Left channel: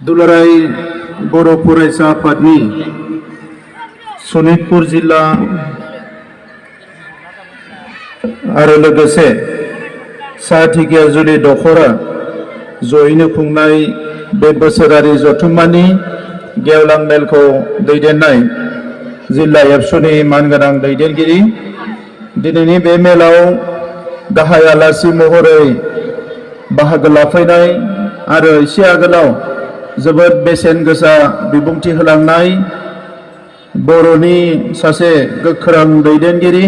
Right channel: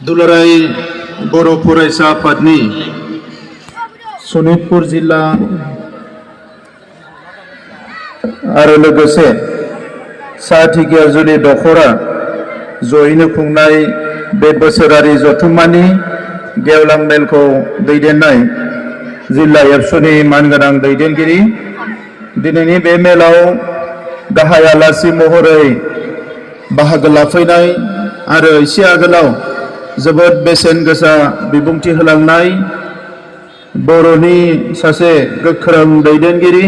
दुलाराय बर' फरायसा आफादनि सनितपुर जिल्ला आरो लोगोसे सा धिगियाजुलि दखरा जयैनो खुंनाय बे बोसोरारि जथुम्मानि गेवलां मेलखौ दैदेननाय जिल्ला एबसुनि मानगोनां दैदेनगिरि दिनैनि बे मेलाव गाहाय आलासि महरै बाहागो लाफैनाय आरो एसे आगोलाव जोबोद बेसेन गोसा बिबुंथि होलांनाय बर'नि सासे गोख्रों दैदेनगिरि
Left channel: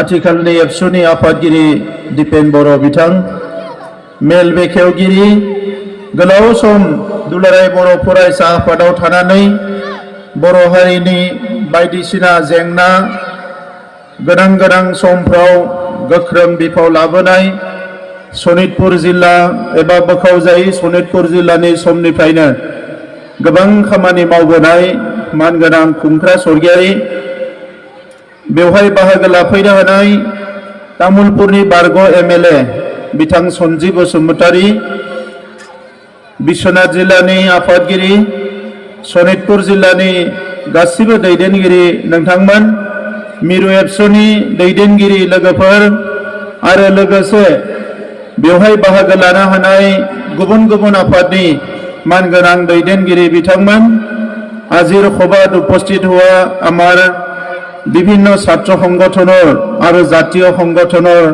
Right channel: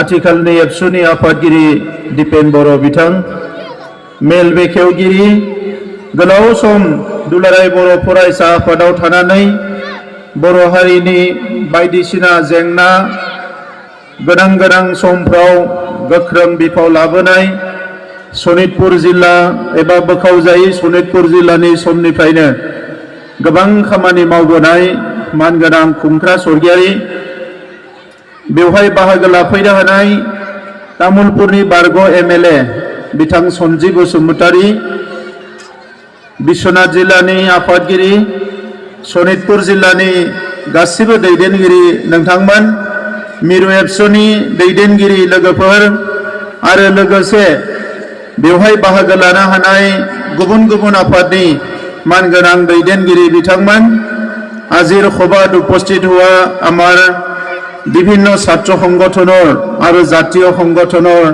आथिखालनि एबसुनि आफादगिरि दिपेन बर' बिथां मेल बेखेवगिरि गोलाव सम दुलाराय बर' फरायसा आफादाव थानानै बर' हारिनि बायदिसिना जेंना गोनां समफ्राव गोख्रों बिफाव लाबोनाय सनितपुर जिल्ला एबा बोखावजायै सनितपुर जिल्लानि समनिफ्रायनो गोबां खामानि मावबोनाय मानगोनां खुंख्रा सरगियारि बेवहाय बाहागो लाफैनो हानाय तामुलपुरनि बारग' एमएलए बिथां सन्जि बसुमतारी बिश्वनाथ जिल्लानि आफादगिरि सनितपुर जिल्लानि गासिबो दैदेनगिरि नोंथांमोन मिरु एबसुनि दैदेनगिरि लोगोफोर आरो लोगोसे बेवहाय बाहागो लानो हानाय गुबुन आफादनि मानगोनां दैदेनगिरि बिथांमोन আজিৰ সভাত উপস্থিত हुआ आमार विभिन्न छात्र संगठनर और जातीय संगठनर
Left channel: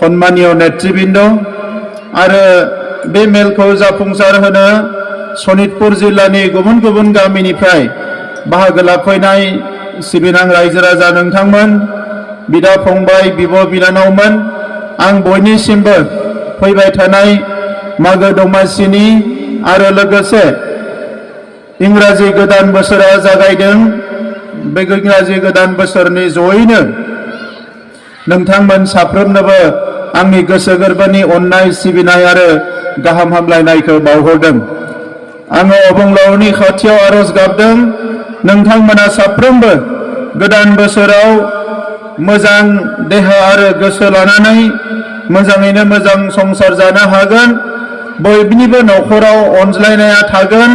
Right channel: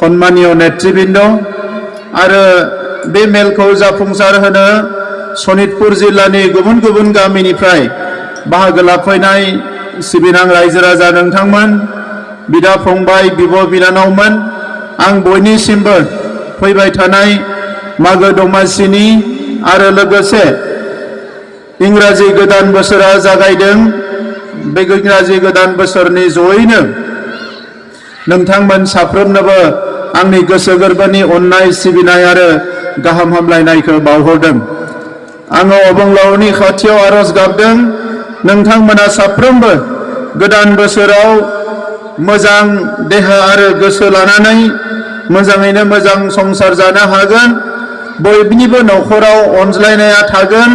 सम्मानीय नेतृबृंद आरो बे मेलखौ जाफुंसार होनो सनितपुर जिल्लानि गुबुन गामिनिफ्राय बाहागो लाफैनाय सिबिनां रायजो राजा नोंथांमोन बिदा फंबाय बिब' बिनानावमोन आं बयनिसिमबो फैबाय थानाय मागो दमासिनि आरो लोगोसे इंराजि गोदान बोसोरा जागायदों बे इंराजि गोदान बोसोरनि जयैनो नोंथांमोन साफ्रोमनोबो आंनि गोसो गोरबोनि अननाय सिबिनाय आरो गाहाम हामलायनायखौ बावहरदों आङो अबंलावरनि खाथियाव आरज गाबदों नोंथांमोना साफ्रोमबो गोदान बोसोराव मोजां देहा आरो गोसो लानानै मोजाङैनो मोजां संसार जानो हागोन बयनिबो नखराव अनज्लायनाया थागोन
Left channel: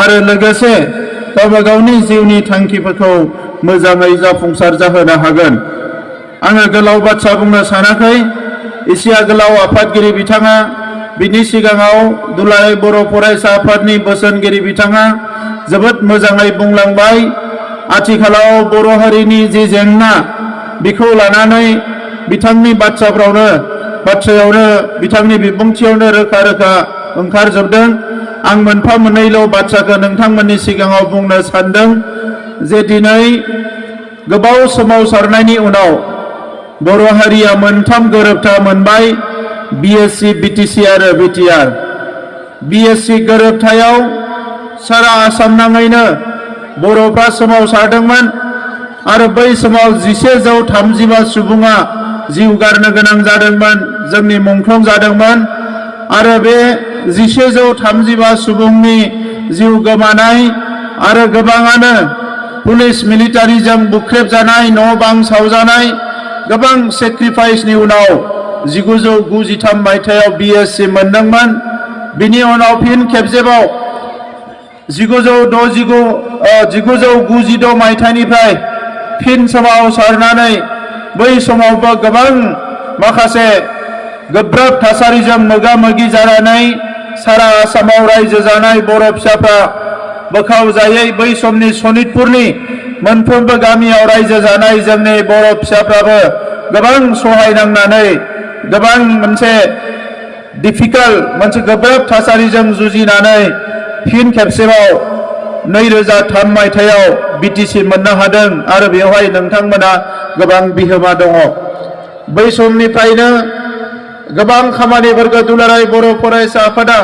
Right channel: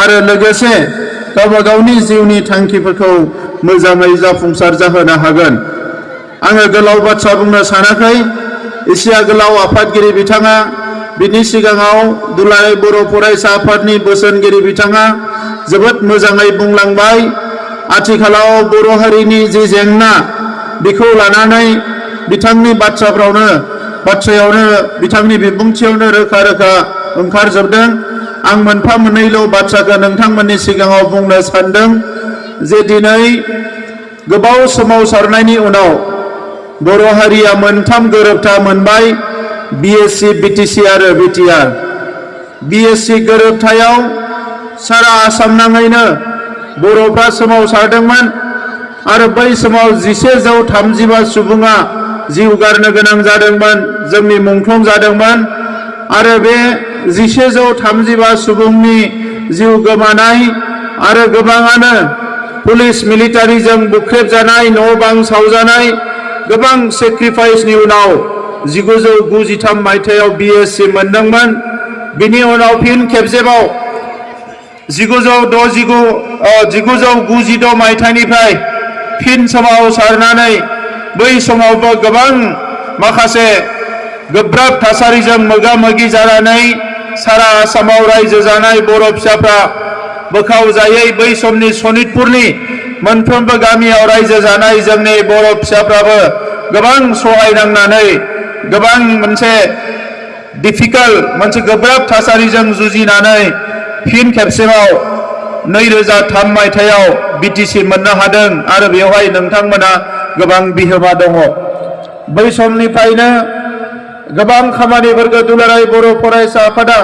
आरो लोगोसे गावबा गावनि जिउनि थांखिफोरखौ मोजाङै जाफुंसार जाहोनो हागोन आङो गोलाव बाथ्रा बुंनो सानाखै एसे आगोलाव आफादगिरि बिथाङा बिनि सिगाङाव दुलाराय बर' फरायसा आफादनि बोसोनगिरि बिथाङा जोबोद मोजाङै बुंलांबाय आथिखालाव बर' हारिनि जि जेंना बेखौ लानानै बिथांनि बाथ्रायावनो बिथांनि बिबुंथियावनो रोखा ओंखारजोबदों आं मोनफा मोननैल' बाथ्राखौ नोंथांमोननि सिगाङाव बुंनो सानदों जे दिनै गोबाव सोमावसारनायनि उनाव बर' हारिया मोनथाम गोरोबथा मोनबाय बिएससि बिटिसि आरो बिटिआर बिएससि गोरोबथायाव सारा आसाम नाङैनो बर'फ्रा सोमावसारदोंमोन आरो बै समाव 1135 सुबुङा जिउ गारनो गोनां जादोंमोन जोंनि मुंख्लं जादोंमोन आरो बे 1135 सुबुंनि जिउ गोमानाय आरो गोबाङानो पुलिस मिलिटारिजों बुख्रेबजानाय न' बां सावजानाय गोबां सेक्रिफाइसनि उनाव 1993 मायथाइयाव बिएससि मोनदोंमोन बिनि उनाव फिन खेबसेबाव 1992 मायथाइनिफ्राय फिन सोमावसारनानै बै समावबो गोबां माखासे गोब्राब थासारिजों मोगा मोगि जानानै सारा आसामाव रायजो जानाय बर' फिसाफ्रा बोखावजायै बै समनि सनितपुरनि मोनफ्रोमबो गामियाव रायजो जानाय जोंनि बर' फिसाफ्राबो गोबां सहायनांनानै गोबां मोनसे गोब्राब थासारिजों जुजिनानै फिन खेबसेबाव 2003 मायथाइयाव बिटिसि मोननो हादों आरो बेवहाय नोंथांमोना गोबां बिहोमा दङ बै समनिफ्रायनो गोबां खामानिफोरखौ दुलाराय बर' फरायसा आफादा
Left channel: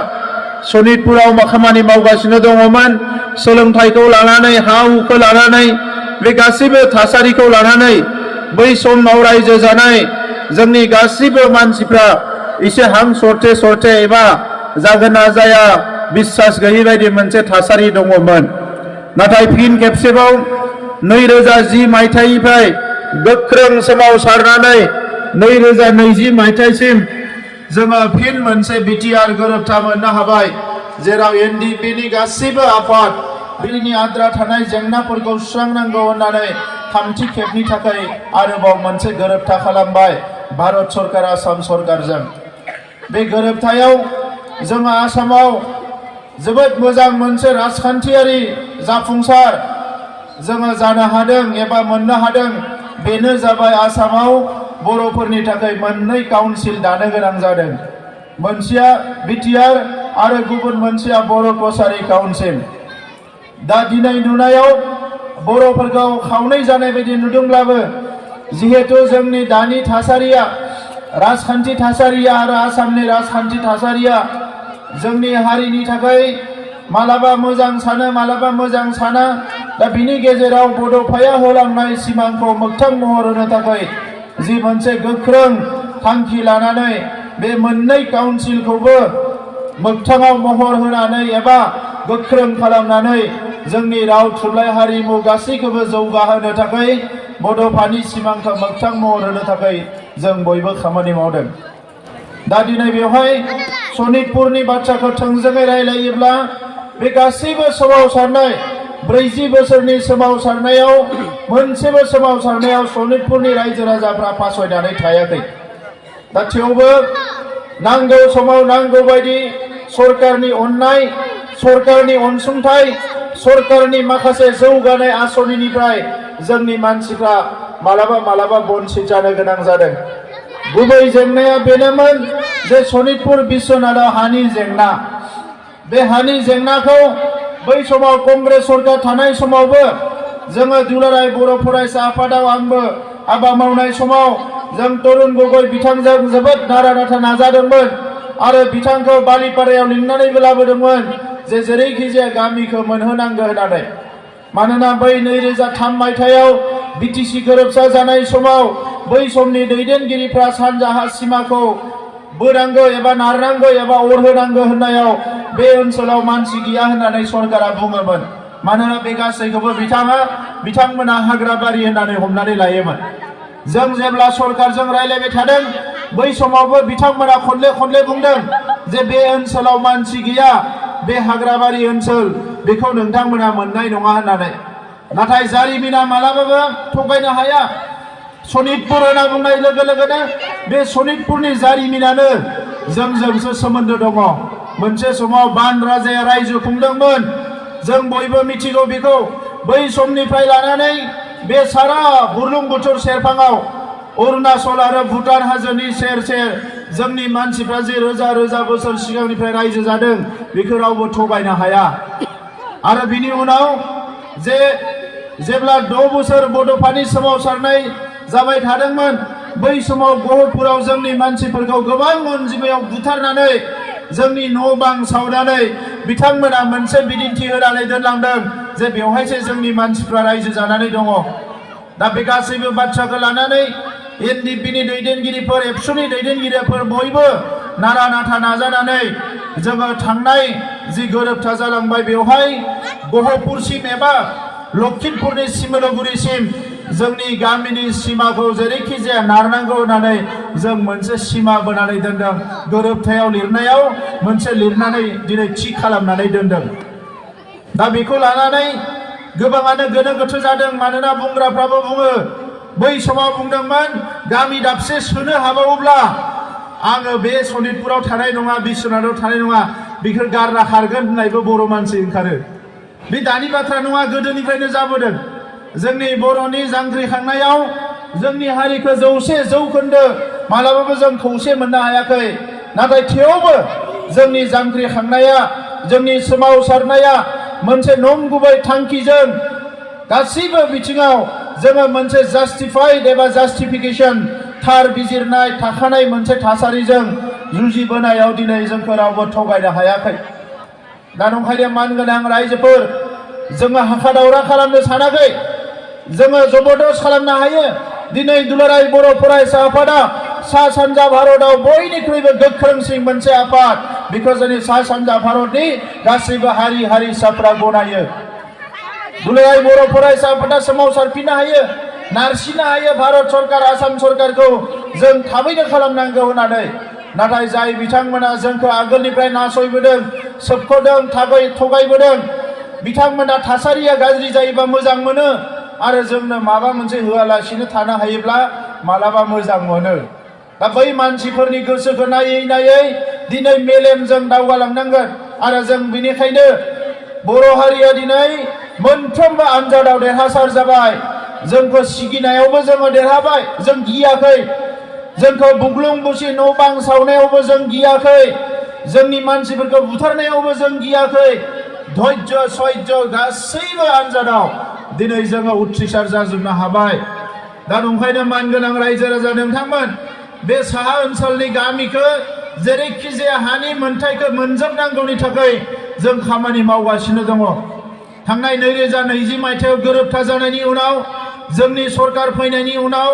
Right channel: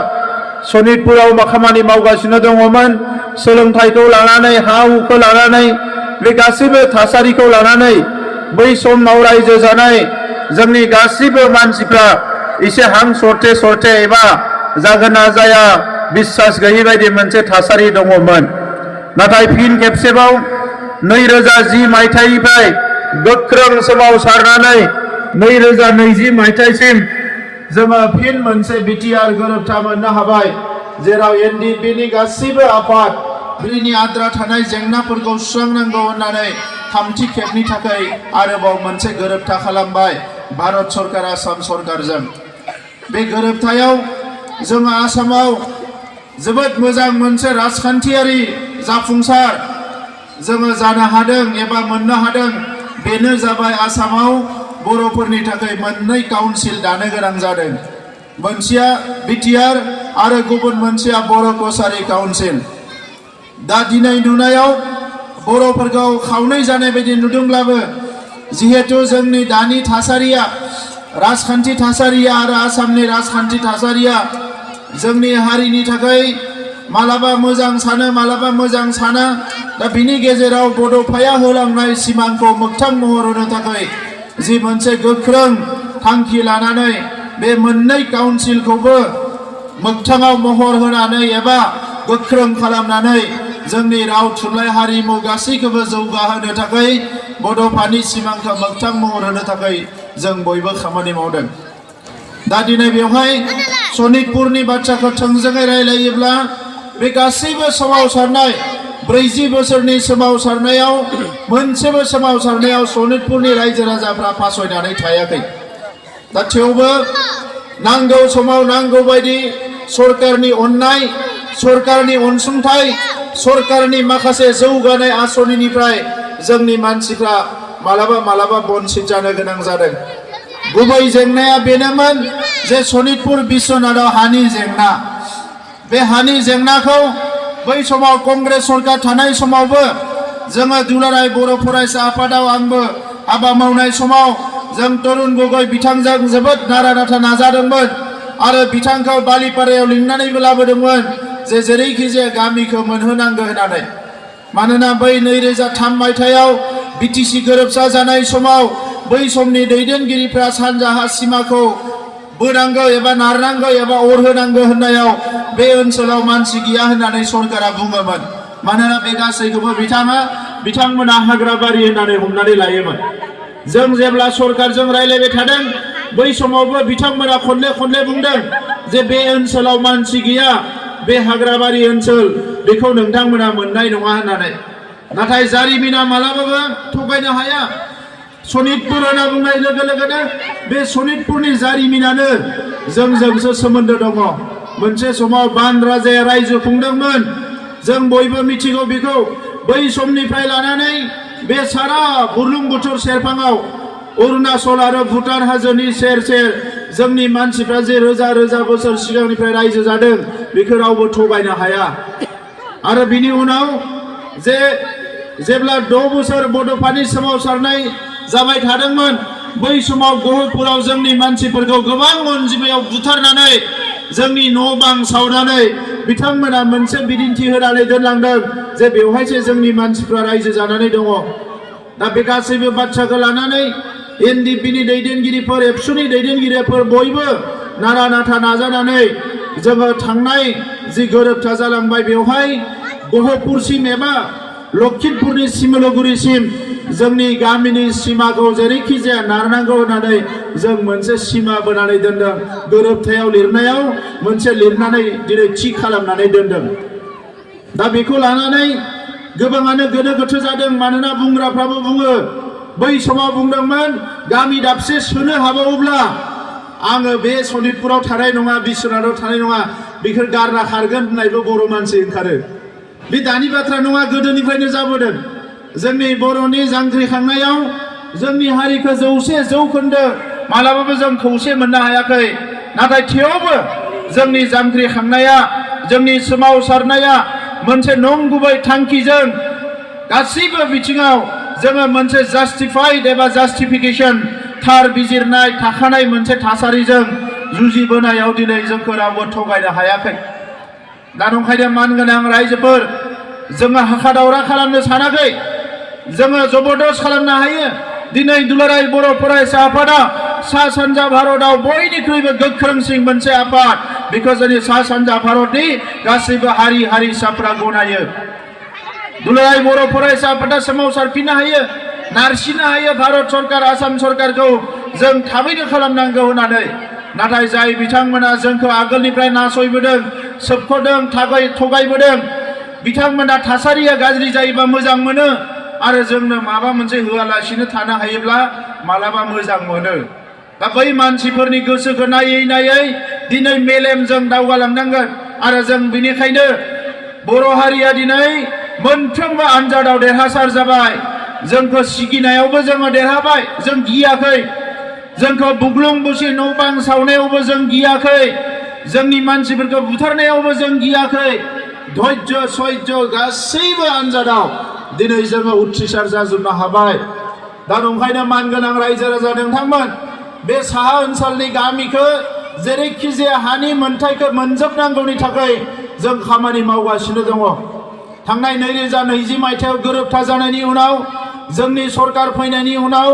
सनितपुराव खामानि मावगासिनो दङमोन सोलोंथाइखौ लानानै हा हुखौ लानानै बे गासिबो थासारिखौ लानानै बै समाव रायजो जानाय जोंनि गासिबो मानसिफ्रा एसे हां सरथे एबा जागोन ना जाया बिश्वास गैयै बायदि मोनसे थासारि दङमोन नाथाय फिन खेबसेबाव 2010 मायथाइनिफ्राय गोख्रों सोमावसारनानै 2020 मायथाइसिम जोङो फिन मोनसे बिटिआर गोरोबथा मोननो हाबाय जेराव एनडिपिनि गासैबो आफाद बिनि आद्रा थानाय जेंनाफोरखौ सुस्रांनांगौ होननानै थामथि खेबनि थाखाय आरोबाव मोनसे गोरोबथा खालामबाय भारत सरकार आसाम सरकारजों। बे गोरोबथायाव जोङो आसामाव जोबोद मोजां मोनसे राजखान्थियारि जाफुंसार जोङो जानो हादों एबा मोननो हादों। बेनो जाबाय आसामाव बर'फोरनि थाखाय मोननै काउन्सिल दानो गोनां जादों। मोनसेया बिटिआर आरो गुबुन मोनसेया बर' कसारी काउन्सिल। दा दिनै नुनायाव बर'फोरखौ खावनै जानाय बायदि नुदोंब्लाबो जिहेतु जोंनि दानि थासारिया राजखान्थि थासारिया आरो आसामनि राजखान्थि थासारिया जोंनि हारिनि थाखाय मालाबा मोजां सानो मालाबा मोजां साना। दा बिनि गेजेराव बड'फाया होलांनाय सिमांखौ मोगथां महर होनो थाखाय जि मोनसे गोख्रों थांखि लानानै बे मोननै काउन्सिलखौबो मोगथाङाव महर होनानै एबा गोख्रों खालामनानै जोंनि राव थुनलाइ हारिमु गासैखौबो जौगाहोनो थाखाय बड'फानि सिमांखौ मोगथां महर होनो थाखाय जों बयबो खामानि मावदों। दा दिनै बेवहाय सनितपुरनि बाथ्राखौ थोंजोङै रायलायोब्ला बे गासैबो सोमावसारनाय 40 बोसोरनि सोमावसारनायाव मोनसेबो सोमावसारनायाव सनितपुरनि रायजो राजाफ्रा फासयनानै थायाखै। दा थेवबो नांगौ समाव नांगौ बायदि सरकारनि अननाय सरकारनि अनसुंथाइ सरकारनि माखासे जौगानाय आसनिनिफ्राय जोंनि मानसिफ्रा मालाबा मालाबा बन्सित जानो गोनां जादों। गुबै जेंनाया बेनोमोन जे सनितपुर बिश्वनाथाव हानि जेंना। बे हानि जेंनाखौ बै समाव कंग्रेस सरकार थानाय समावबो जोङो दुलाराय बर' फरायसा आफादाव आंबो हाबा मावनाय समाव जों तरुण गगৈ बिथांजों जोबोद नारा नाथा नाजादोंमोन आरो बिथांखौ बालिपारायाव लिंनानैबो लाबोदोंमोन जे जेरैखि जाया गामिखौ मोनहोनांगौ होननानै। मानोना बै 2003 मायथाइयाव बिटिसि गोरोबसा जानाय समाव बै समनि दैदेनगिरिफ्रा सानजाहा सिमाखौ बोनांगौ एबा नारनांगौ एबा अरहोनांगौ होननायाव बे ओनसोलाव मानसि गैया होननानै सरकारा बुङोमोन। मानोना बे गासैखौबो बिथांमोना हाग्राबारि होननानै हमनानै लायोमोन। जों जेब्ला सरकारजों रायलायबाय थादों बै समावबो बिथांमोना खनले बुंदों जे बे ओनसोलाव मानसि गैया बे हाग्राबारि ओनसोल बेखौ नोंथांमोना मोननाय नङा होननानै। नाथाय जारिमिना मालाबाबो थगायनो हाया। सनितपुर होनना बुंनाय लोगो लोगोनो बे सनितपुरनि जारिमिनानो जोंजोंसो सोमोन्दो दङ। मोनसे समाव बान राजाया रायजो खुंदोंमोन। जों बयबो मिथिगौ बेखौ। बै समनिफ्राय लानानै बे सारा बुरलुंबुथुर सेरफाङाव अरुणाचल आरो भुटान हाजोनि सेर सेर जोंनि मानसिफ्रा जे रोजा रोजा बोसोर सिगांनिफ्राय रायजो जादों बेखौ रावबो थगायनो हाया। आरो बिनि उनाव जेब्ला 6 बोसोर बड'फानि सोमावसारनाय जाबाय थादोंमोन बै समाव गहपुराव जोंनि मानसिफोरखौ गोबां अनजिमायाव बुथारनानै जोंनि न' बां सावनानै बिथांमोना मोनसे बिदिन्थि होनानै दोनलांदों जे बेवहायसो जोंनि मानसिफ्रा रायजो जानानै दङ। दा बे गासैबो बाथ्राखौ लानानै एनडिपिनि दैदेनगिरिफोर एबसुनि दैदेनगिरिफोर बयबो नारा नाथा नाजानानै जोङो थांनाय जि गोरोबथा जालांबाय बेवहाय गहपुरसिम एबा लखिमपुरनि सिमोनगुरिसिम जोंनि गामिनि सिमाखौ जेरैखि जाया नारनांगौ होननानै जों मोनसे सिमा बोनानै दोनदों। गोरोबथायाव लिरनायाव मोनसे लिरनानै दिनै थि खालामनानै दोनदों। दा बेखौ लानानै गोबाङानो गोनो गोथो जादों। मानोना बुंग्राफ्राबो बुङो बै समाव बुंदोंमोन गामि दाबसे सोनो हाबावोब्ला आङो बे सनितपुराव थानाय नङा बिश्वनाथाव थानाय नङा बेखौ गारना खारगोन होननायबो बर' मानसि ओंखारो। बे दानि बाथ्रा नङा, गोदोनिफ्रायनो जाबोदों। जोंनि बर'नि जांख्रिखांनायाव जोंनि हारिखौ 100 जौखोन्दो मालाबाबो जों खौसे मोननो हायाखै। नाथाय थेवबो जोंनि जांख्रिखांनाया जोंनि सोमावसारनाया मोनसे नंगुबै थांखिजों गासैबो बिथिङाव जोङो मोनसे जास्टिफाइड एबा जास्टिफिकेशन थार बिजिरनाय थाखानाय मोनसे थासारिजों जुजिबोनायाव दिनै जोंखौ रावबो थगायनो हायाखै। दा नंखायनो मानगोनां रायजोफोर जोङो हाखा दावरा खालामनो सानाखै। जोङो जबरदस्त खालामनो हायो। दिनै दुलाराय बर' फरायसा आफादा सा सानजा भारतआव बयनिख्रुइबो गोख्रोंसिन मोनसे आफाद। बेखौ जोंनि सा सानजा भारतनि गासैबो हारि हारिसाफ्रा गनायो। दुलाराय बर' फरायसा आफादा सोमावसारफिननो हायो, नारसिननो हायो भारत सरकार आसाम सरकारखौ जों थाबैनो खालामनांगौ होननानै। नाथाय जाय बिथांमोना जोंखौ आगोलनिफ्राय नासयबोदों सोबख'दों थगायबोदों बिथांमोना थासारिया गाज्रि जायोबा मोजां मोनो आरो जोंनो माबा मोनसे होआलासिनो थानो हायोब्ला मालाबा मोजां मोनो दा बै मानसिफोरनि गोसोखौ नायै नायै दिनै मेलेमजों दावगालांनांगोन आरो जों बेनिखायनो बर' हारिया दिनै मोनफ्रोमबो आनजादाव देरहासार जाबाय जोंखौ सिगिनायावबो जोङो देरहाबाय जों गियाखै जोंखौ बुग्लुं बुसि न' बां सावनायावबो जों गियाखै जोंनि मानसिफोरखौ बुथारनायावबो जों गियाखै धैर्य सैज्य गासैबो आनजादाव दिनै जोङो उथ्रिसार जाजोबनो हाबाय दा ओंखायनो मानगोनां रायजो राजा नोंथांमोन बे साहा ओनसोलनि गामिखौ जेरैखि जाया हानि मोनथायखौ मोनजोबनांगौनि थाखाय जों खामानि मावगासिनो दङ थांनाय 2020 मायथाइयाव गोरोबथा जानायनि उनाव जोंनि सरकार फैनायनि उनाव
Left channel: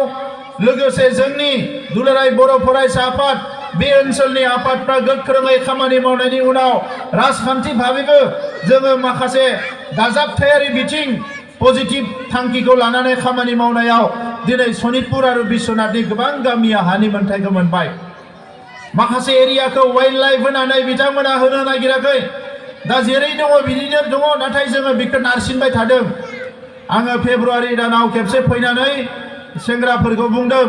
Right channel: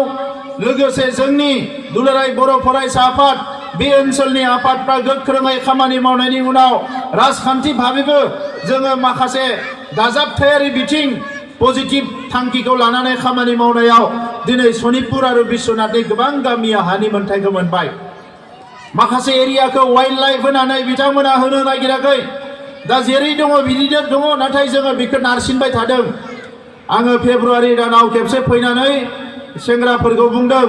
लोगोसे जोंनि दुलाराय बर' फरायसा आफाद बे ओनसोलनि आफादफ्रा गोख्रोङै खामानि मावनायनि उनाव राजखान्थि भाबेबो जोङो माखासे दाजाबथायारि बिथिं पजिटिभ थांखिखौ लानानै खामानि मावनायाव दिनै सनितपुर आरो बिश्वनाथनि गोबां गामिया हानि मोनथायखौ मोनबाय माखासे एरियाखौ वाइल्ड लाइफ होनानै बिथांमोना होनो नागिराखै दा जेरै दङ बिदिनो दङ नाथाय जोङो बेखौ नारसिनबाय थादों आङो फेब्रुवारि दानाव खेबसे फैनानै सेंग्राफोरखौ बुंदों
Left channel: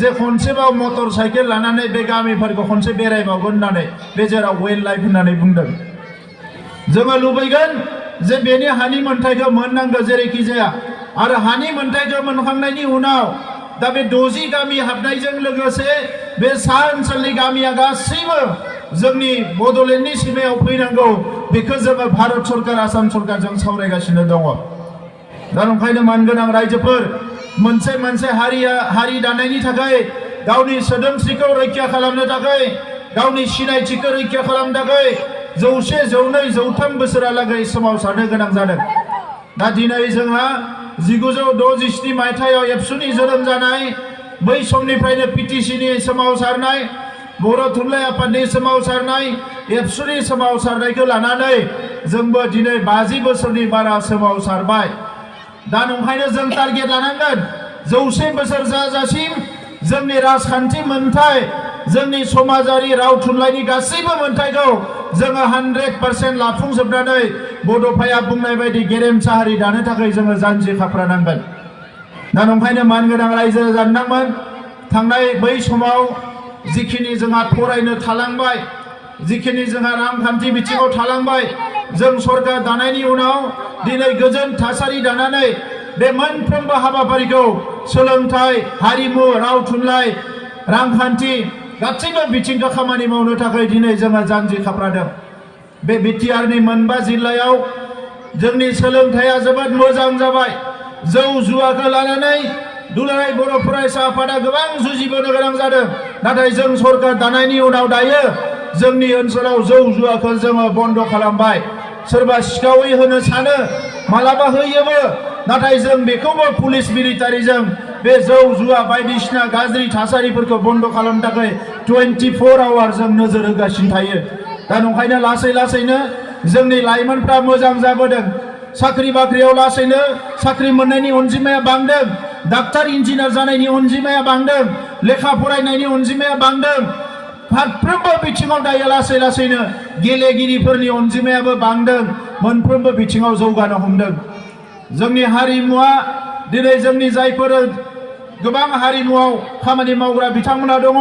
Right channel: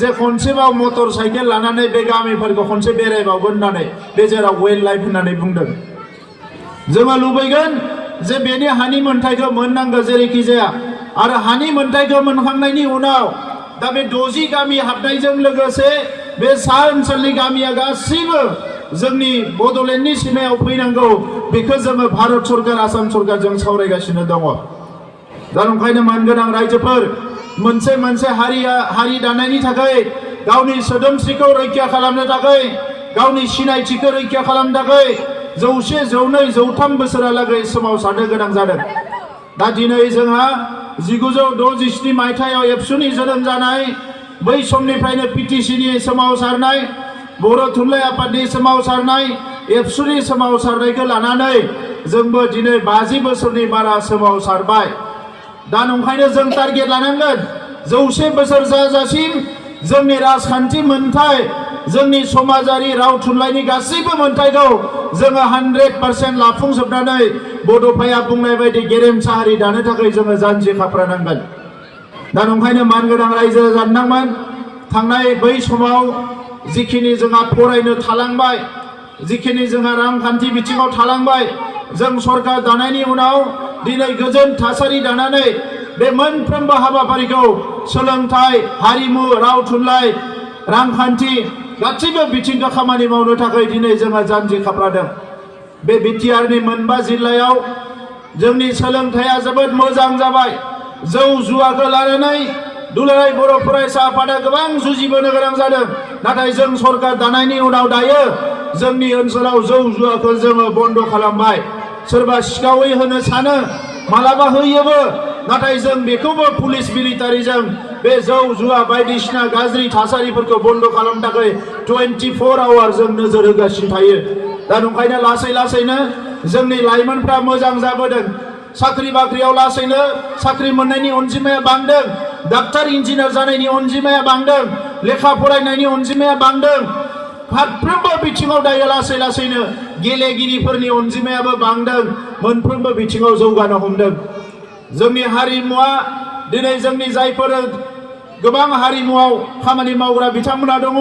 जे खनसेबाव मटर साइकेल लानानै बे गामिफोरखौ खनसे बेरायबावगोन होननानै बे जेराव वाइल्ड लाइफ होननानै बुंदों जोङो लुबैगोन जे बेनि हानि मोनथायखौ मोननांगौ जेरैखि जाया आरो हानि मोनथायखौ मोनखांनायनि उनाव दा बे 60 गामि हाबनायजों लोगोसे बे सा ओनसोलनि गामिया गासैबो जोंनि बड'लेण्डनि सिमायाव फैनांगौ बेखौ जोङो भारत सरकार आसाम सरकारजों सावरायगासिनो दङ दा ओंखायनो मानगोनां रायजोफोर मोनसे हारि दानायनि थाखाय गावनि सोदोमस्रिखौ रैखा खालामनो थाखाय गावनि सिनायथिखौ रैखा खालामनो थाखाय 100, 102, 103 बोसोरालागै सोमावसारनो गोनां जादों दा दिनै जोंहा 1967 मायथाइयाव एबसुनि जोनोम जानाय बै समनिफ्रायनो पिटिसिनि सोमावसारनाय बर' थुनलाइ आफादनि सोमावसारनाय एबसुनि सोमावसारनायखौ लानानै जोंबो दिनै 50 बोसोरनि बारा सोमावसारबाय दा ओंखायनो जों टारगेट लानांगोन 100 बोसोर जाजासिम जोंनि राजखान्थि मोनथाय जोंनि समाजारि राव थुनलाइनि गासैबो मोनथायखौ जोङो 100% लाफुंजोबनानै बड'फाया बुंनाय बायदि गेरेमसा हारि दानो थाखाय जोङो जानजि खाफ्रानांगोन दा ओंखायनो मानगोनां रायजो जाननांगोन थांनाय बै समाव जिखिनि जोंहा फरायनो थालांबाय जिखिनि जोंहा रांखान्थि बिथिङाव थालांबाय जों सरकार दानायनि उनाव दिनै गोजोन थासारि दानानै बे मोनफ्रोमबो हाबाफारिखौ सोलोंथाइ हारिमु राव थुनलाइ रांखान्थि गासैबो बिथिंखौ खामानि मावनो थाखाय दिनै जोङो जानजि खाफ्रादों बे बिटिआरनि 9 जिल्लायाव जोंनि सोलोंथाइया जोबोद मोजां जाबाय जौ जुवाखौ लानानै दुलाराय बर' फरायसा आफादा गोबां जुजिबोनो गोनां जादों नाथाय जों सरकार दानायनि उनाव दायो जोंनि ओनसोलाव जौ जुवाखौ जोङो बन्द खालामबाय सोरबा सिखावै होनो सानो मालाबा होयोबो नाथाय जों बेखौबो पुलिस मिलिटारिजों बे जौ जुवा बायदिसिना गाज्रि थासारिफोरखौ बन्द खालामनो थाखाय 24 आवार जों नोजोर होगासिनो थायो दा ओंखायनो लासै लासैनो जोंनि लाइमोनफ्रा मोजां जाबोदों साख्रि बाख्रियाव लासैनो साख्रि मोननायनि अनजिमाया बांदों डाक्टार इन्जिनियार जानायनि अनजिमाया बांदों लेखा फरायनायनि अनजिमाया बांदों फारफ्रोमबो बिथिङाव दायो लासै लासैनो गेलेगिरिफोरनि अनजिमायाबो बांदों मोनफ्रोमबो बिथिङाव जौगानो हमदों जोंनि हारिमुआ दिनै जोंनि जायफोर गोबां हारिमुआव खामानि मावग्रा बिथांमोना दङ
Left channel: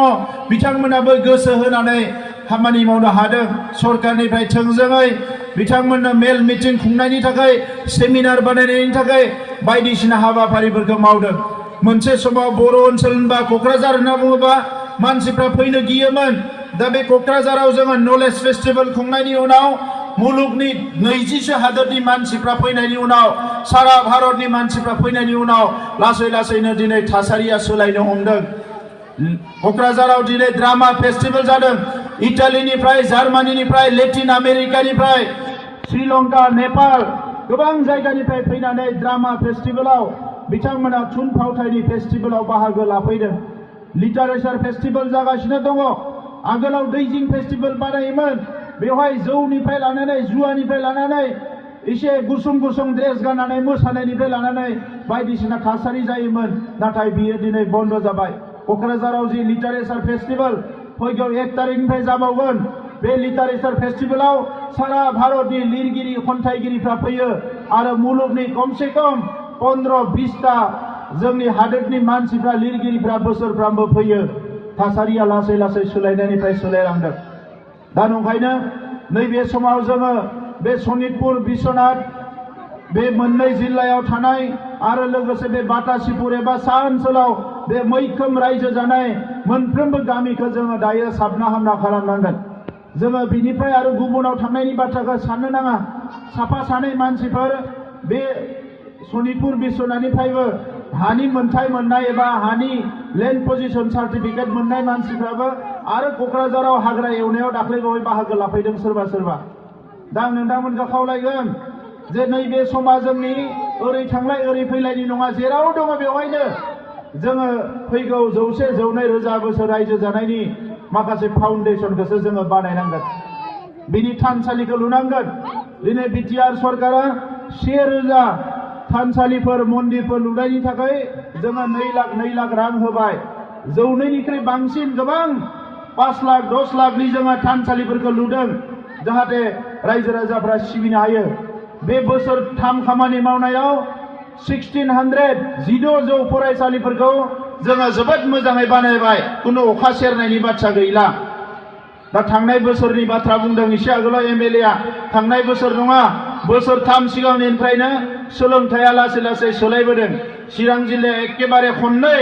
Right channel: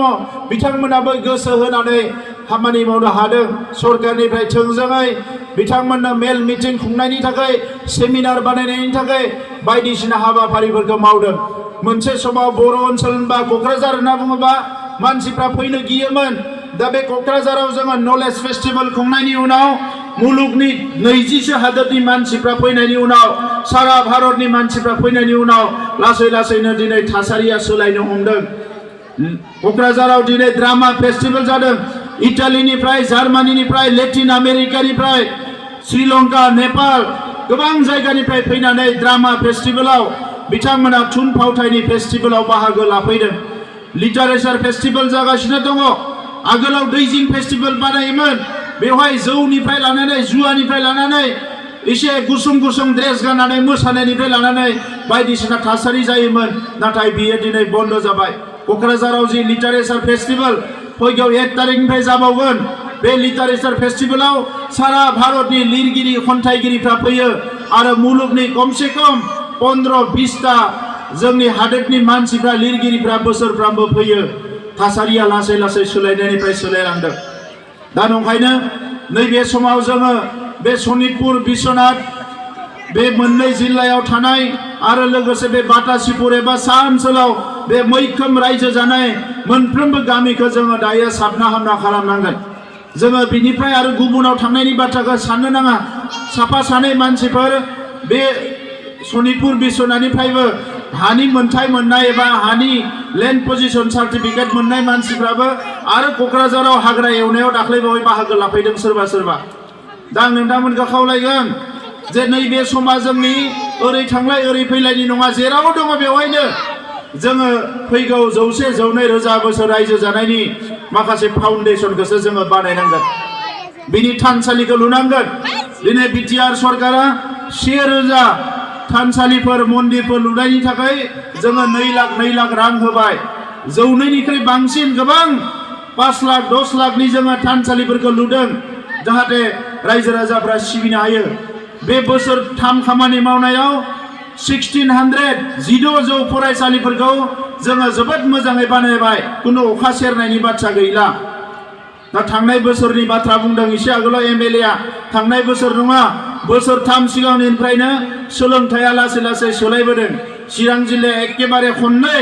बिथांमोनाबो गोसो होनानै खामानि मावनो हादों सरकारनिफ्राय थोंजोङै बिथांमोननो मेल मिटिं खुंनायनि थाखाय सेमिनार बानायनायनि थाखाय बायदिसिना हाबाफारिफोरखौ मावदों मोनसे समाव बर' ओनसोल होनबा क'क्राझार होनना बुङोबा मानसिफ्रा फैनो गियोमोन दा बे क'क्राझाराव जोङो नलेज फेस्टिभेल खुंनायनि उनाव मुलुगनि 20सो हादोरनि मानसिफ्रा फैनायनि उनाव सारा भारतनि मानसिफ्रा फैनायनि उनाव लासै लासैनो दिनै थासारिया सोलायनो हमदों क'क्राझाराव दिनै ड्रामा फेस्टिभेल जादों इटालीनिफ्राय जार्मानीनिफ्राय लेटिन आमेरिकानिफ्राय श्रीलंका नेपाल गोबां जायगानिफ्राय फैनानै ड्रामा फेस्टिभेलाव बिथांमोना थुनफावथायनि फेस्टिभेलाव बाहागो लाफैदों लिटारेचार फेस्टिभेल जागासिनो दङ आगोलाव दैजिं फेस्टिभेल बानायोमोन बेवहाय जौनिफ्राय लानानै जुवानिफ्राय लानानै एसे गुसुं गुसुं ड्रेस गाननानै मोसानायनिफ्राय लानानै बायदिसिना थासारि जायोमोन नाथाय बियो दिनै बन्द जाबाय क'क्राझाराव जि लिटारेचार फेस्टिभेल फैगौ 1 तारिखनिफ्राय जाबावगोन बे लिटारेचार फेस्टिभेलाव सारा भारतनि लिरगिरि खन्थाइगिरिफ्रा फैयो आरो मुलुगनि कमसे कम 15-20टा जोंनि हादोरनि मानसिफ्रा लिरगिरिफ्रा बोसोरफ्रामबो फैयो थासारिया लासै लासै सोलायनायनिफ्राय सोलायलांदों दा नंखायनो नैबे समाव जोङो बे सनितपुर बिश्वनाथ बे मोननै जिल्लायाव थानाय आरो लोगोसे बे बाटासिपुर एबा सा ओनसोलाव बे मैखोम रायजो जानाय मोनफ्रोमबो गामिखौ जोङो दायो साबना हामना खालामनांगोन जोङो बिनिफ्राय आरो गुबुनाव थांनायनि बाथ्राखौ साननो नाङा साफा सानै मानसिफोर बे सनितपुर बिश्वनाथनिफ्रायबो हानि मोनथाय मोननाय एबा हानि लेन्ड पजिशन सार्टिफिकेट मोननाय मानसिफ्राबो आरो क'क्राझाराव हाग्रा एवनायाव दाख्लैबावै बाहागो लाफैदों सोरबा सोरबा दा आं नोंथांमोनखौ खावलायगोन जे नैबे समा जोंनि ओरै थांलाय ओरै फैलायनि नङा जेराव दङ बेवहायनो जोङो फैगौ 100-102 रोजा बोसोर रायजो जानायनि माखासे फाउन्डेशनखौसो जोङो बानायनांगोन बिनि थानसालिखौ लुनांगोन दिनै बिटिआर सरकारा 1000 थानसालिफोर मन्दिरफोर लुनायनि थाखाय जोङो 2 लाख रां होबाय जौनैनिख्रुइ बांसिन गोबां 5 लाख 10 लाखनि जोङो थानसालिफोरखौ लुदों जाहाथे रायजो राजाफ्रा सिबिनो हायो बे बोसोरथाम खामानि मावनायाव 1600 फरायसालिफोरखौ जोङो जोबोद मोजाङै बानायबाय कुनु अखा सेरनायनि बाथ्रा गैला दा थांनाय बोसोरनि बाथ्रा बुंदों एसे आगोलाव एमएलएआ थांनाय बोसोर नङा बोसोरथाम सिगांनिफ्रायनो सोलोंथाइया लासै लासै सोलायबोदों चिरां जिल्लाया एकेबारे खननै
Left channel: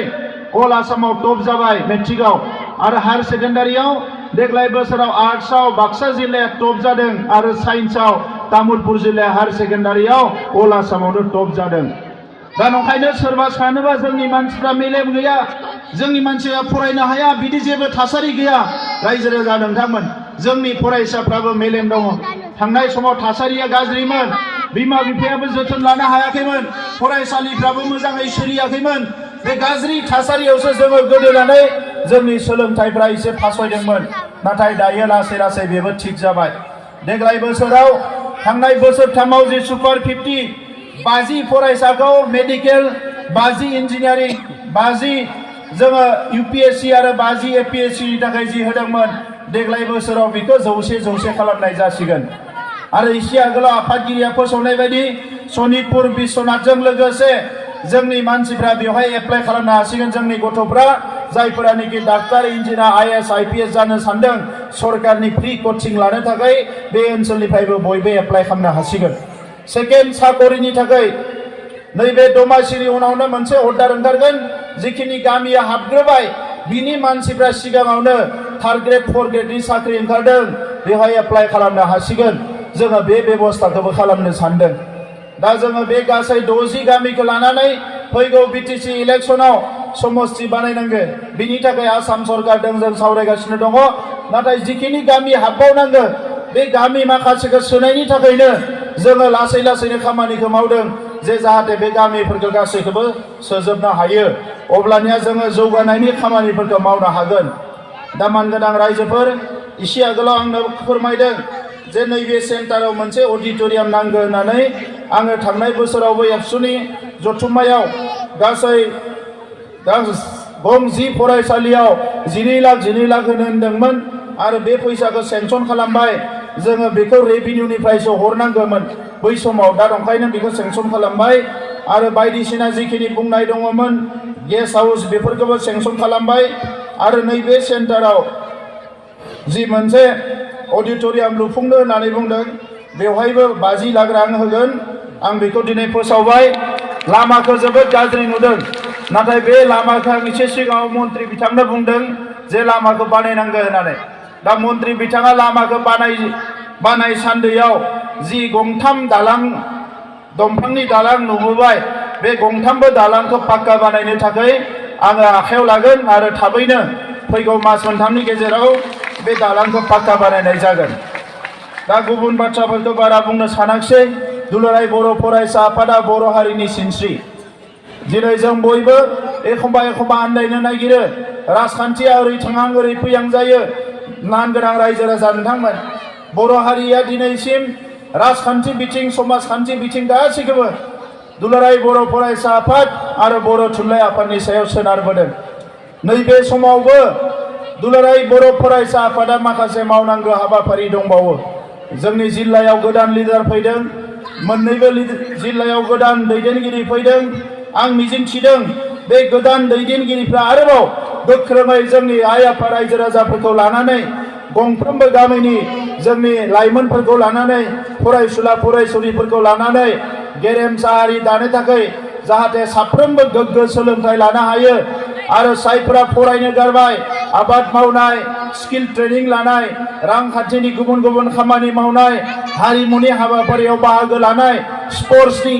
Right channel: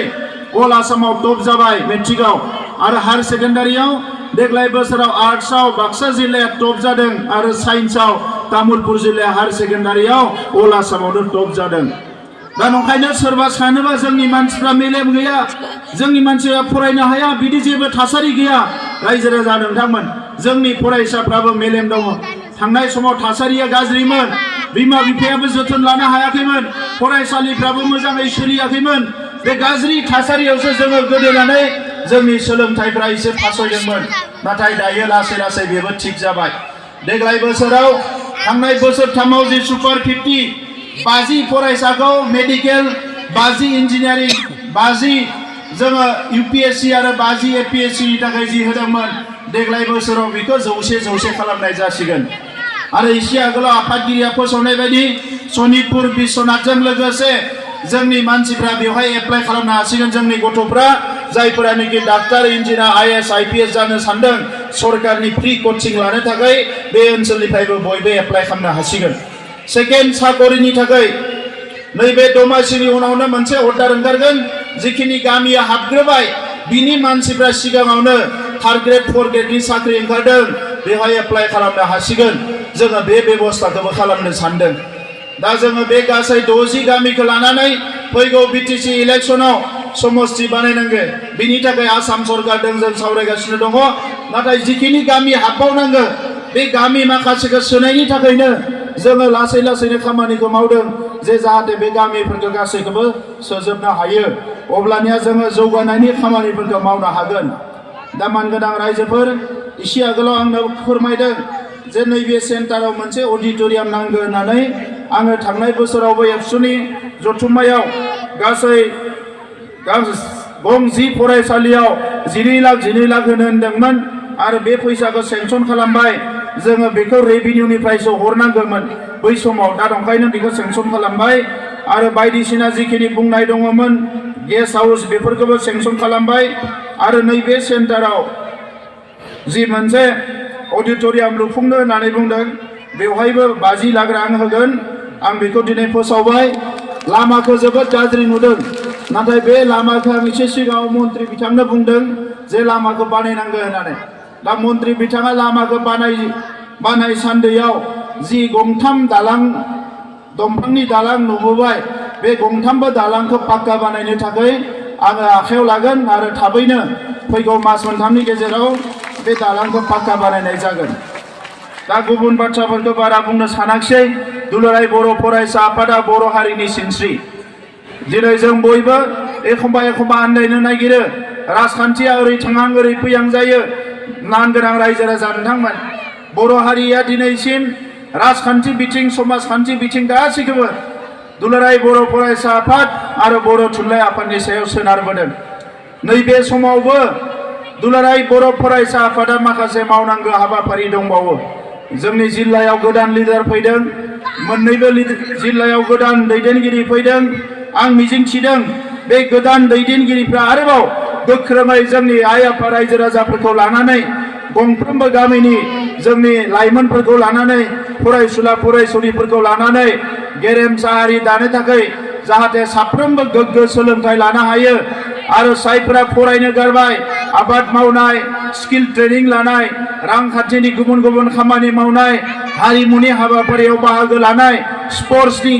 अल आसामाव टप जाबाय मेट्रिकआव आरो हायर सेकेन्डारियाव देग्लाय बोसोराव आर्ट्सआव बाक्सा जिल्लाया टप जादों आरो साइन्सआव तामुलपुर जिल्लाया हायर सेकेन्डारियाव अल आसामावनो टप जादों दा नंखायनो सोरबा सानोबा जोंनि मानसिफ्रा मेलेम गैया जोंनि मानसिया फरायनो हाया बिदि जेबो थासारि गैया रायजो राजा नोंथांमोन जोंनि फरायसाफ्राबो मेलेम दङ थांनाय समाव थासारिया गाज्रिमोन बिमा बिफायाबो जोथोन लानो हायाखैमोन फरायसालिफ्राबो मोजाङै सोलियाखैमोन बे गाज्रि थासारियावसो जोङो गोदोनानै जोंनि सोलोंथाइफ्रा एसे फासयदोंमोन नाथाय दायो लासै लासै बेबो थिग जाबाय देग्लाय बोसोराव थांनाय बोसोरथामाव जे सुपार 50 फरायसाखौ मेडिकेल 50 इन्जिनियारिं 50 जोङो यूपीएससी आरो 50 एपीएससी नि थाखाय जि होदोंमोन देग्लाय बोसोराव बेखौ 100 खालामनाय जासिगोन आरो एसे आगोलाव आफादगिरिया फोसावनाय बायदि सनितपुर बिश्वनाथजों लोगोसे जोंनि मानसिफ्रा बेवहाय एप्लाइ खालामनो हासिगोन जोंनि गथ'फ्रा जायफोरानोखि डाक्टार इन्जिनियार आईएएस आईपीएस जानो सानदों सरकारनि फ्री कोचिं लानो थाखाय बे ओनसोलनिफ्रायबो बयबो एप्लाइ खालामनो हासिगोन सेकेन्ड साकरिनि थाखाय नैबे दमासिनि उनावनो मोनसे अर्डार ओंखारगोन जिखिनि गामिया हाबग्रोबाय बिनि मानसिफ्रा सिगाङावनो 3rd ग्रेड 4th ग्रेडनि साख्रि ओंखारदों बेवहाय एप्लाइ खालामनो हासिगोन जोङो बे बेबस्थाखौबो खालामनो सानदों दा जोङो बे गासै 60 गामिखौ लानानै फैगौ बिटिसि इलेक्सनाव समस्ति बानायनांगोन बिनि थाखाय आसाम सरकारजों जों सावरायगासिनो दङ नाथाय जिखिनि गामि हाबबावनांगौ बे गामि माखासेखौ सोनायनि थाखायनो जोङो लासै लासैनो खामानिखौ मावदों जे जाहाथे बे गामिफोरखौ गासैखौबो सोजोबनो हायो अब्लानिया जोङो जौगानायनि खामानिफोरखौ मावनो हागोन दा मानगोनां रायजोफोर एसे आगोलाव आंनो फोरमायदों जे नैबे सेन्टाराव मोनसे अडिटोरियाम नांगौ होननानै आङो थांनाय बोसोरावबो एबसुनि जथुम्मायाव गासै गं 10 फरायसालियाव 12 लाख होनो होनदोंमोन आरो बे फैसाखौ सेंसन खालामबाय जोङो बेखौ रेभिनिउनिफ्रायसो हरनांगौमोन बै समाव दा ओंखायनो बेखौ सेंसन खालामबाय आरो बायदिसिना जिखिनि बुंनाय दङमोन गेस्ट हाउस बेफोरखौबो सेंसन खालामबाय आरो नैबे सेन्टाराव जि मोनसे अडिटोरियाम लुफुंनो होननानै बुंदों बेवहायबो 50 लाख रां होगोन आं बेखौ दिनै फोसावबाय लामाखौ जोबोद गाज्रि नुदों नाथाय बे लामाखौ आं एसे सिगाङाव मन्त्रि बिथांनो बुंदों जे लामाखौ बानायनांगौ होननानै दा मन्त्रि बिथाङा लामाखौ बानाय सान्दैयाव जि गंथाम दालां दंफांनि दालां नुबोबाय बे गंथामबो दालांखौ पाक्का बानायनो थाखाय आङो आखायाव लागोन आरो थाबैनो फैगौ मास मोनथामनि गेजेराव बे दालांखौ पाक्का बानायनाय जागोन दा गुबुन बाथ्राफोरखौ बारा बुंनो सानाखिसै दुलाराय बर' फरायसा आफादा बर' हारिनि सिनस्रि दिनै जों बयबो एखमबा आन्दायनो नागिरो राजखान्थिया ओरै थाङां ओरै फैयां जायो मानगोनां रायजो राजा नोंथांमोन बर' हारिया दिनैसिम राजखान्थि बिथिं समाजखान्थि बिथिं गासैखौबो दुलाराय बर' फरायसा आफाद आरो बर' थुनलाइ आफादनि सायाव सोनारबोदों नैबे समावबो दुलाराय बर' फरायसा आफादा माखासे मावनांगौ हाबाफारि दंबावो। जोंनि जिल्लायाव गोदान लिडार फैदों, मोननैबो जिल्लायाव गोदान दैदेनगिरि फैदों। आं मिजिंथिदों बे गोदान दैदेनगिरिफ्रा आरोबाव गोख्रोङै जोंनि आइ आफा रायजो राजाफोरखौ लानानै, गंफ्रोमबो गामिनि जोंनि लाइमोनफोरखौ लानानै, फरायसुला फरायसुलिफोरखौ लानानै गेरेमसा हारि दानो थाखाय जाहाथे साफ्रोमबो गोग्गो सोलोंथाइ लानो हायो आरो जायफोरा फरायनो गारबाय, आबाद मावनाय, स्किल ट्रेनिं लानाय, रांखान्थिनि गुबुन गुबुन खामानि मावनाय, हारिमुनि हाबाफारियाव बाहागो लानाय, स्पर्ट्सनि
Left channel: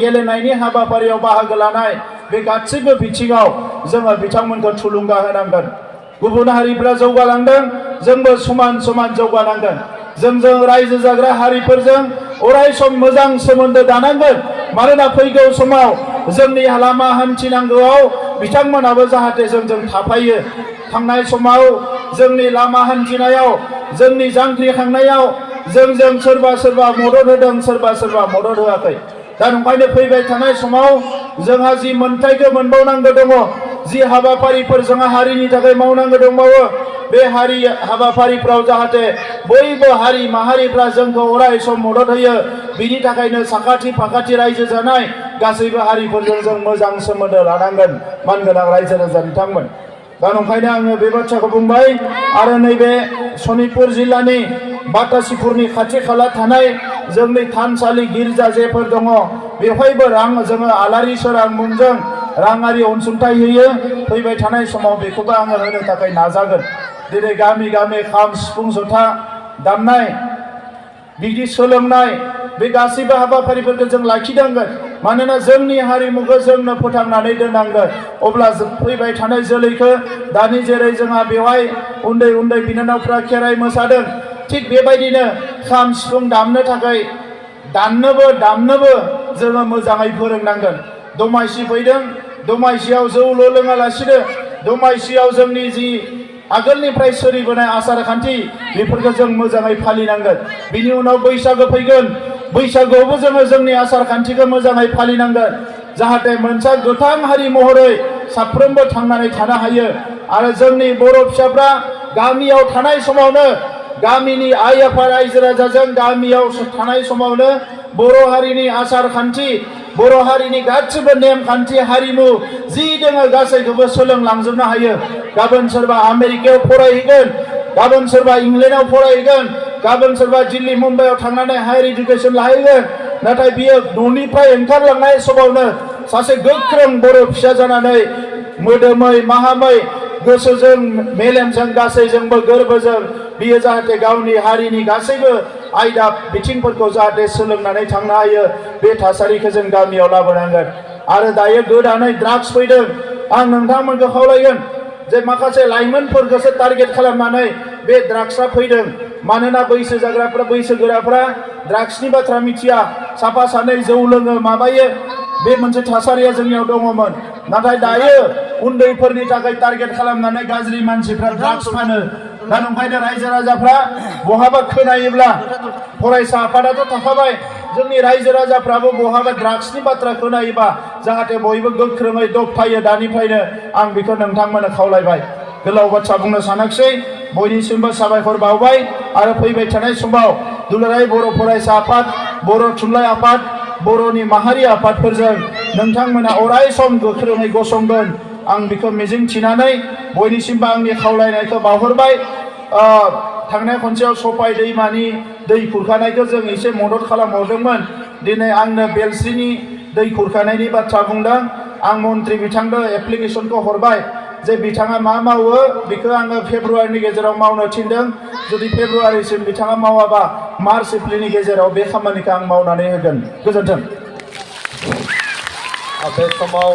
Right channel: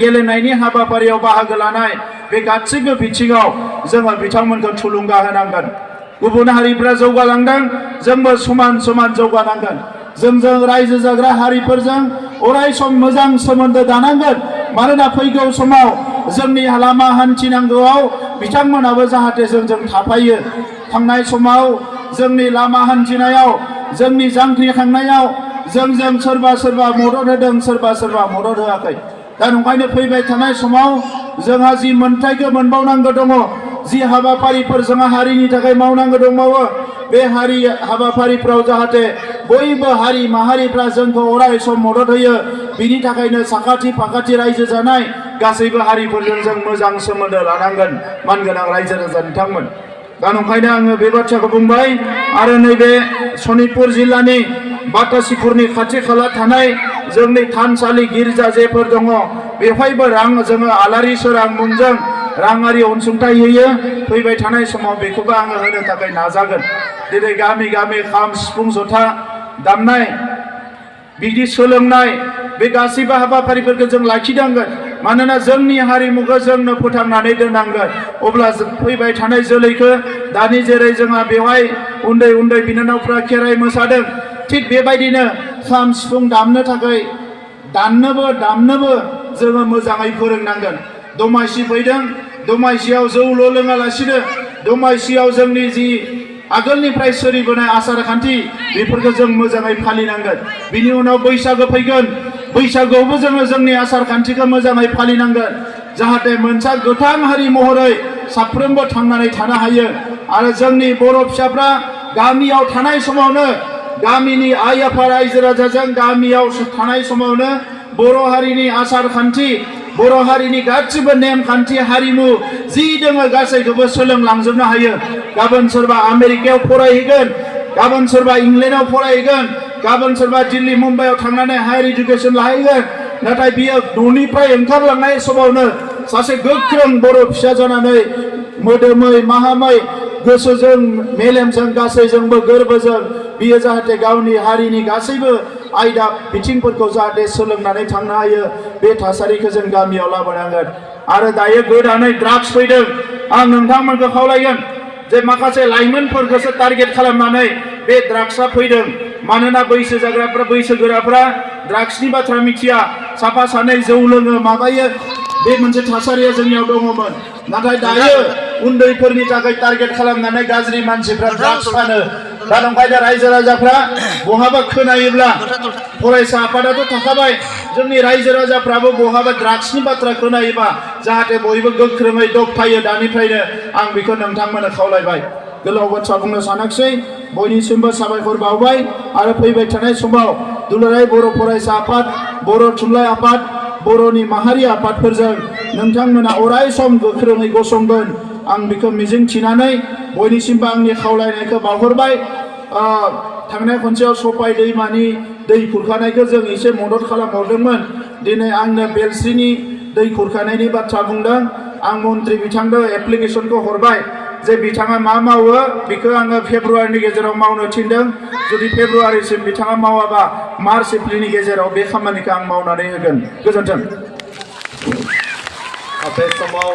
गेलेनायनि हाबाफारियाव बाहागो लानाय, बे गासैबो बिथिङाव जोङो बिथांमोनखौ थुलुंगा होनांगोन। गुबुन हारिफ्रा जौगालांदों, जोंबो समान समान जौगानांगोन। जोंजों रायजो जाग्रा हारिफोरजों अराय सम मोजां सोमोन्दो दानांगोन। मानोना फैगौ समाव जोंनि लामा हान्थिनांगौआव बिथांमोनाबो जाहाथे जोंजों थाफायो। थांनाय समाव जोंनि लामा हान्थिनायाव, जोंनि जांख्रिखांनायाव जोंजों सोरबा मदद होदों, सोरबा मदद होआखै। दा ओंखायनो फैबाय थानाय समाव जोंहा जि मोन्थाइखौ मोनबावनांगौ दङ, जि हाबाफारिफोर जोंहा हारिनि थाखाय मावनांगौ दंबावो, बे हारि हाबाफारिफ्राव जाहाथे बयबो हारि माहारिफ्रा जोंखौ अराय सम मदद होयो। बिनि थाखायनो साखाथि फाखाथि रायजो जानाय गासैबो हारिफोरजों जों मोजां सोमोन्दो लानांगोन, मानगोनां रायजो राजा बिथांमोन। दा ओंखायनो आङो बे बाथ्राखौ बुंबाय। आरो नैबे सनितपुर जिल्लानि बातासिपुरनि खाथि खाला थानाय जोंनि थानसालि गिर्जा जेफोर दङ, बेवहायबो जोङो आलारि सोरां मुंजों राङारि अनसुंथाइ होयो। फैबाय थानाय समाव बेखौबो आङो होनो थाखाय नाजागोन। दिनै गामि गामि खाम सिफुं जथा दामनाय, बिदि सोलोंनाय, बे गासैबो हाबाफारिफोरखौ जों लाखिनांगोन। मानोना जोंनि हारिमुखौ जोंनो फोथांनानै दोननांगोन। अब्ला फैबाय थानाय जोलैखौ, दानि जेरै जोंहा बेवहाय उन्दै उन्दै बिनानावफ्रा खेराइ मोसादों, थिग बेबायदिनो खाम सिफुं दामनो थाखाय दामनोबो जोङो मोजाङै फोरोंनांगोन। दमासि फैदों, दमासियाव जौल' लोङालासिनो दमासियाव जोंनि जि आगोलनिफ्राय सोलिबोनाय आसार खान्थि, बेफोरखौ जों मोजाङै फालिनांगोन। बिनि उनाव बैसागो फैगोन, बैसागोआवबो जोङो जोंनि आसार खान्थिखौ मोजाङै फालिनांगोन। जाहाथे मोनसे गोथां हारि महरै साफ्रोमबो थांनानै थानो हायो। आरो जोंनि बर' फिसाफ्रा गामियाव थानाय समावनो, गामिनि आइ आफा रायजो राजाजों गामियाव थानाय समावनो बर' हारिनि आसार खान्थि, बर' हारिनि गासिबो नेमखान्थि, हारिमु जि दङ गासैखौबो सोलोंलांजोबनो हायो। गाबोन सोरबा आमेरिकायाव फरायहैगोन, गाबोन सोरबा इंलेन्डआव फरायहैगोन, गाबोन सोरबा दिल्ली मुम्बाइआव थांनानै हायार इडुकेसन लाहैगोन। नाथाय बियो न'निफ्राय ओंखारलांनाय समावनो सासे गोख्रों बर' फिसा जानानै मोदोमै माहामै गोसोजों मेलेमजों गासैजोंबो गोरबोजों बियो जाहाथे गावनि हारिनि गासैबो आयदा बिथिंफोरखौ जाहाथे सोलोंनानै थांनो हायो। बे थासारिखौ जों गामियाव लाबोनांगोन। आरो दायो गोदानै ड्राग्स फैदों। आं नोंथांमोनखौ खावलायगोन जे माखासे लाइमोनफोरखौसो टारगेट खालामनानै बे ड्राग्सआ फैदों। मानोना बैसो जाग्राफ्रा, बैसोगोराफ्रा ड्राग्सनि बाथ्रा मिथिया, साफा सानै जौ लोङो, माबायो, बे मोनसे थासारिया जोंनियाव दङमोन। नाथाय दायो उन्दैफोरनि थाखाय टारगेट खालामनानै गाज्रि मानसिफ्रा ड्राग्स फानो। दा ओंखायनो रायजो राजाफ्रा बहाबा खोनायोब्ला, फरायसा आफादाथ' थाखाबाय, जोंनि रायजो राजाफ्राबो बहाबा ड्राग्सनि बाथ्रा खोनायोबा जाहाथे बयबो गोख्रोङै दबथायो दानिफ्रायनो। आं बेखौ नोंथांमोननो खावलायबाय। गोलाव बाथ्रा बुंनो सानाखिसै, बयनिसिमबो साबायखर बावबाय। आरो फैबाय थानाय समाव दुलाराय बर' फरायसा आफाद, बर' थुनलाइ आफाद, बर'नि माहारि आफादफोरजों नोंथांमोना अराय सम गोख्रोङै गसंगोन। आं बेखौ मिजिंथिनानै बयनिसिमबो आंनि खावलायनायखौ बावहरबाय। थांनाय खनसेयाव सफाय दैमानि दै खुरखानायखौ जों एसे मदद खालामहरदोंमोन। दिनै आंनो बेलस्रिनि दै खुरखानायनि बाथ्रा बुंदों। आं मन्त्रि बिथांनो एप्लिकेसनखौ हरबाय जे बिथाङा मा मावो बेखौ आङो फेब्रुवारिनि गेजेराव मावनो थिनदों। जुदि फेब्रुवारिसिम बिथाङा मावाबा मार्च एप्रिलनि गेजेराव बे खामानिखौ आं मावनानै होगोन। गोजोन्थों। बे समाव